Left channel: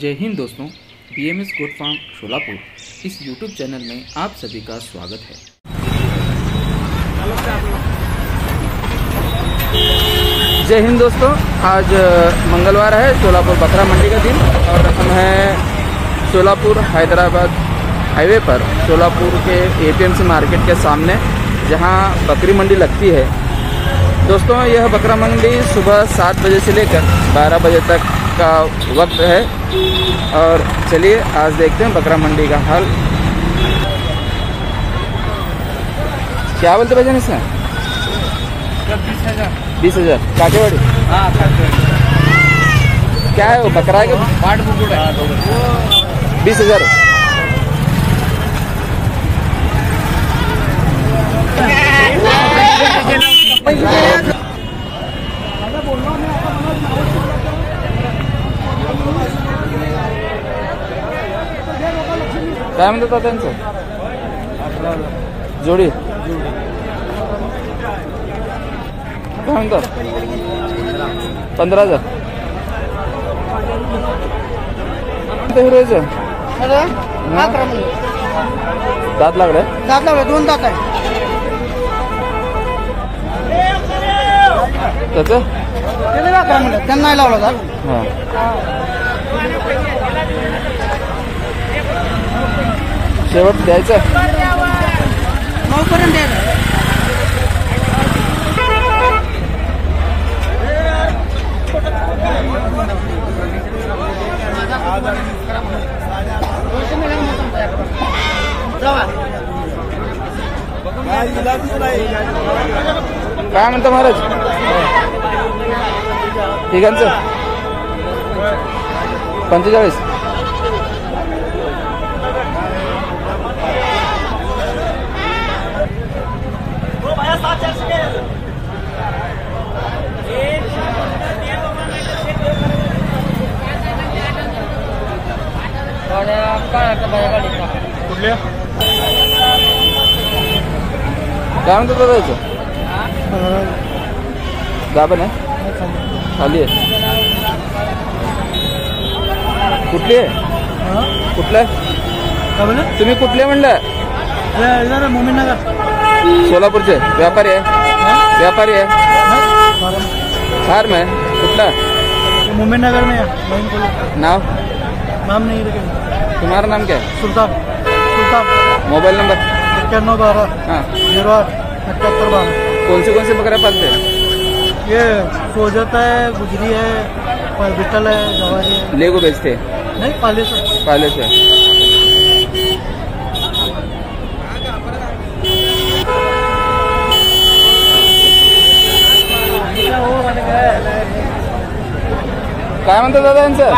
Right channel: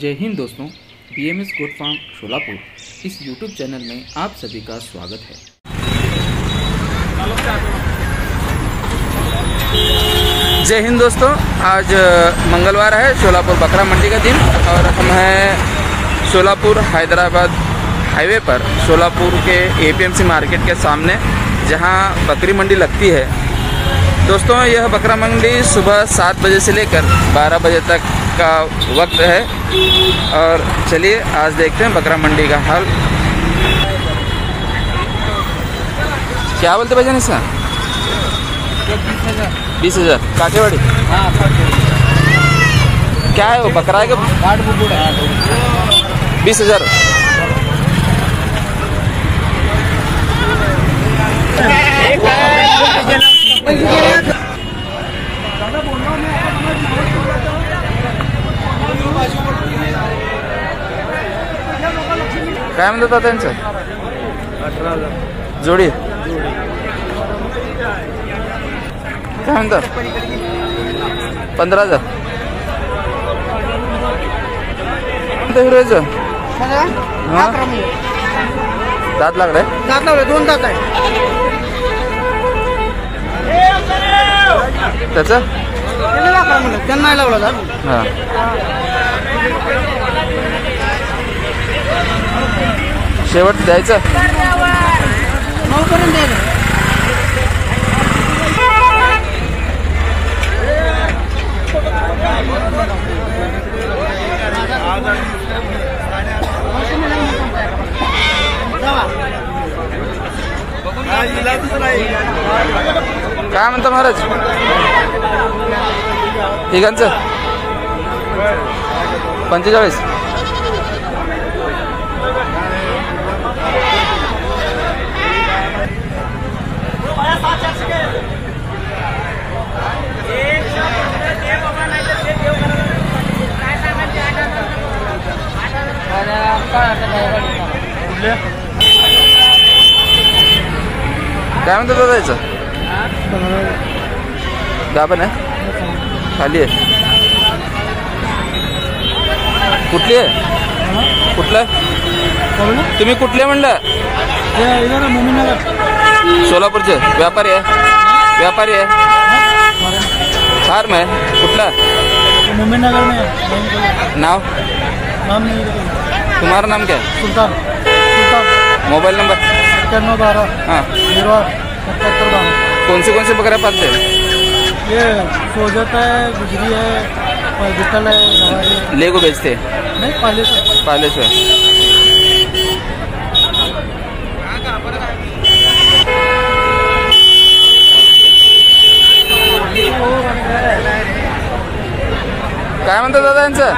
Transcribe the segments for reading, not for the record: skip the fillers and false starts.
जय हिंद दोस्तों, BMS goat farm Solapur इस YouTube channel में आप सभी का स्वागत है। जय हिंद दोस्तों, आज मंगलवार है, शोलापुर बकरा मंडी का दिन और हम हैं शोलापुर हैदराबाद हाईवे पर शोलापुर के APMC मार्केट के सामने, जहां बकरी मंडी लगती है। दोस्तों, यह बकरा मंडी सुबह 7 बजे से लेकर 12 बजे तक का वक्त है और चलिए आज देखते हैं बकरा मंडी का हाल। क्या बोलते भाईजान इसका? 20,000 काटेवाड़ी। हाँ, क्या है वो बकरा है? 20,000। काय म्हणतात त्यांचं? जोडी काय म्हणतात? 15,000। हिरोचं दात लागलाय? दात लावला, 2 दात आहे त्याचं? त्यांना नाही लावलं. हा, शेवट द्यायचं 9 पर्यंत द्यायचं. काय म्हणता महाराज? तिघांचं 45. काय म्हणतात दादा याचं? गाभण आहे? खाली आहे? कुठली आहे? कुठलं आहे तुम्ही? कुठले म्हणलं? सोलापूरचे व्यापारी आहे? व्यापारी आहे? फार्म आहे? कुठला? मोमीनगर में. नाव? नाम नहीं. तुम्हारा नाम क्या है? सुल्तान. Mobile number? 9112. हाँ, 7812. कौन से बकरा पालते हैं? ये सोजत है, गुजरी है, बिटल है, गवारी है. ले को बेचते हैं? नहीं, पाले से. काय म्हणतात दादा यांचं?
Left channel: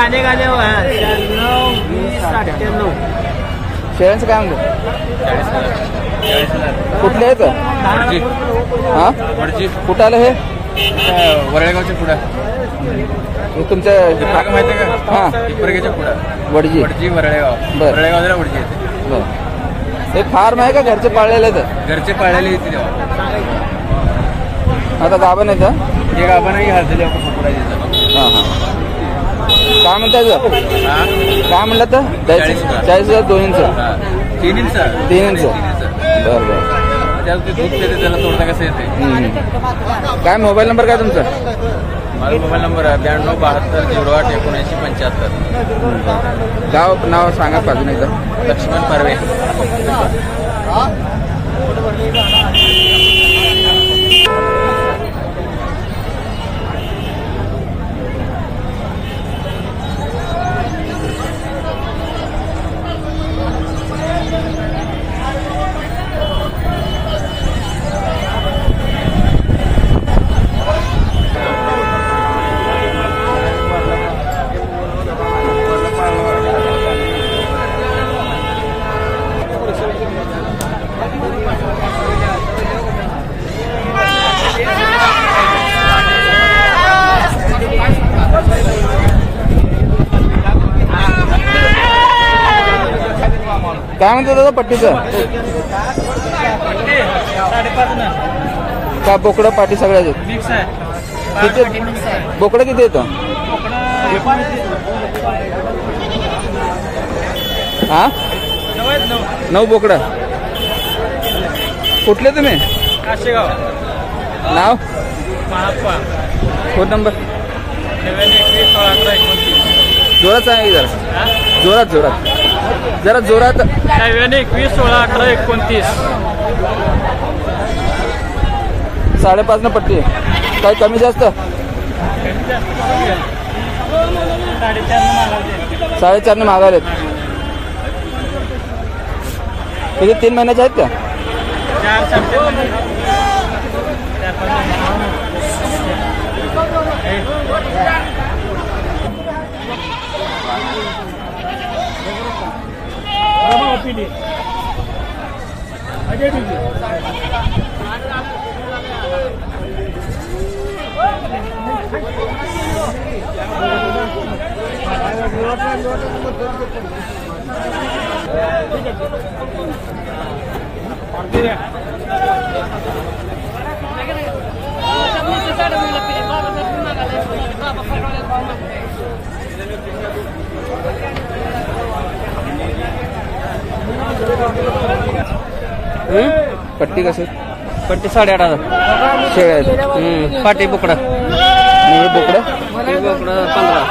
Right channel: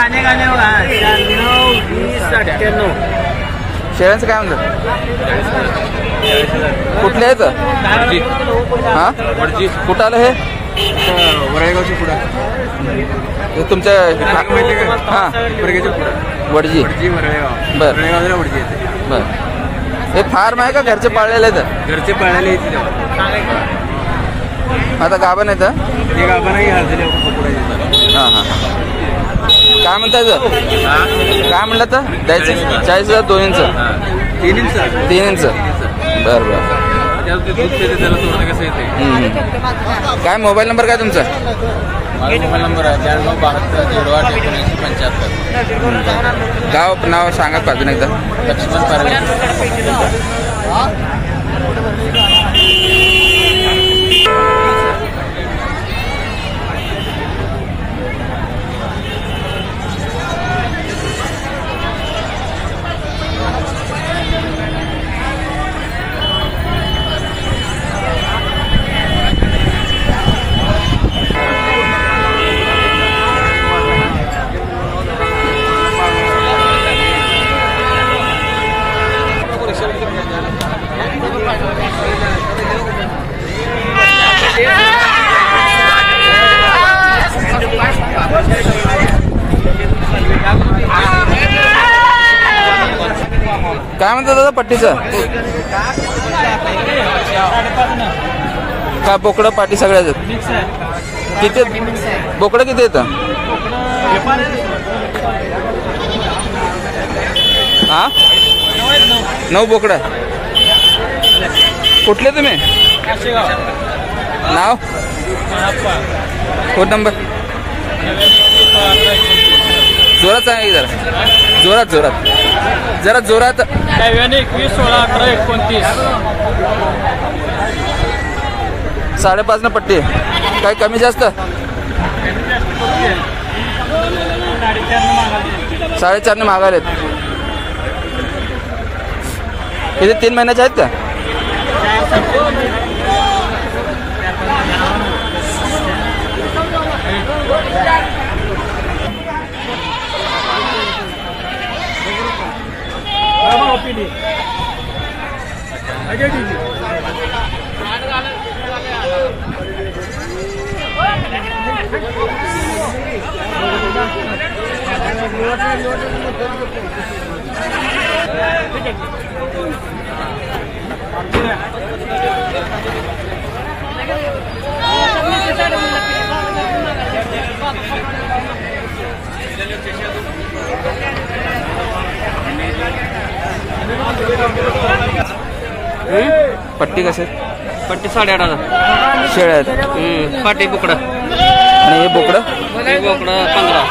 शेळ्यांचं काय म्हणतात? कुठले आहेत? हा, कुठं आलं हे? वरळेगावच्या पुढे तुमच्या? हा, वडजी. वरळेगाव. बर वडजी. बर. हे फार्म आहे का घरचे पाळलेले आहेत? घरचे पाळलेले. आता गाभण आहेत? एक आपण हां हां. काय म्हणतायचं? काय म्हणलं तर द्यायचं? 40,000 2 इंच? 3 इंच. बरं बरं. काय मोबाईल नंबर काय तुमचा? माझा मोबाईल नंबर आहे 9272 08 7975. गाव नाव सांगा पाजून एकदा. लक्ष्मण पारवे. काय म्हणतात दादा पट्टीचं? काय बोकडं पाटी सगळ्याच किती? बोकडं किती येतं? हां 9 बोकडं. कुठले तुम्ही? काशेगाव. नाव? महाप्पा. Phone number? 91 जोरात सांगा की जरा. जोरात जरा जोरात. 91 5.5 पट्टी. काय कमी जास्त? 4.5 मागालेत. किती 3 महिन्याचे आहेत का? पट्टी कसे? पट्टी 8.5 शेळ्या आहेत. पाटी बोकडं. आणि हे बोकडं? हे बोकडं 15.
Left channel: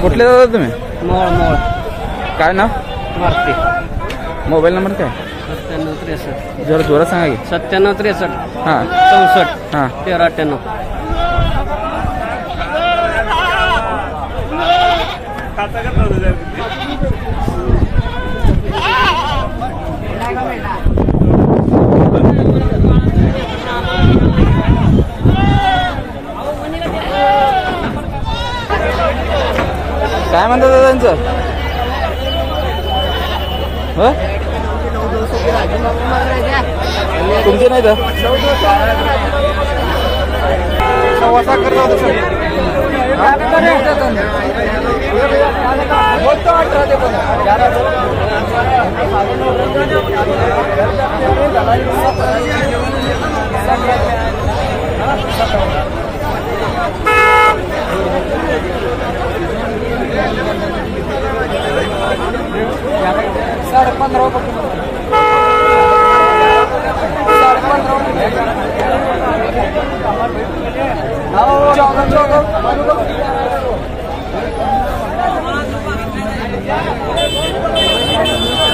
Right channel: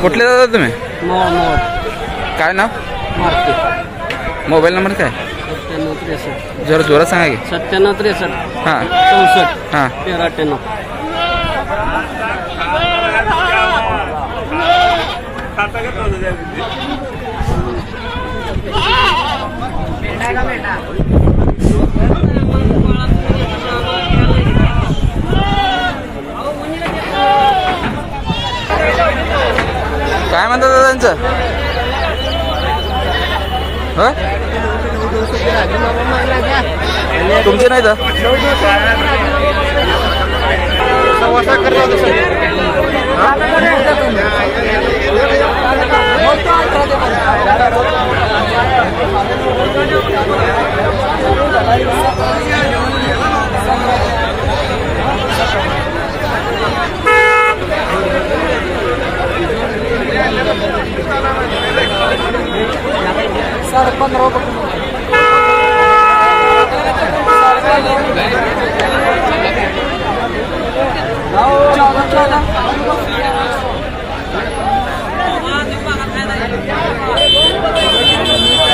कुठले दादा तुम्ही? मोळ. काय नाव? मारते. मोबाईल नंबर काय? 97 जरा जोरात सांगा की. 63 हां 64 हां. 1398. काय म्हणतात दादांचं? तुमचे नाही तर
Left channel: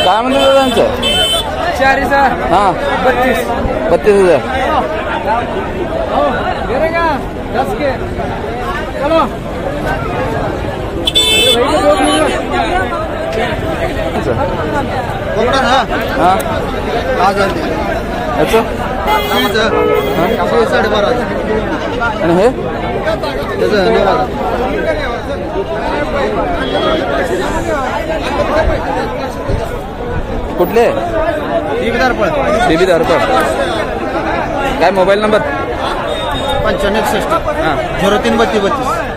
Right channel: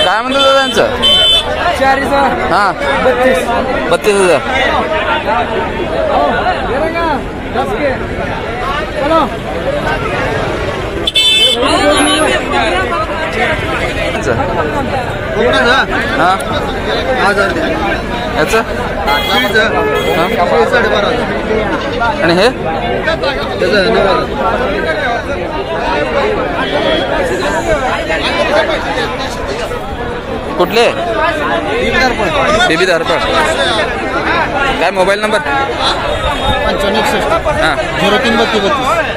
काय म्हणतो दादांचं? 4,000. हां 32,000. हां याचं? हां 12,500. आणि हे कुठले? बेबी दारपड. काय मोबाईल नंबर? 9561 हां 033232.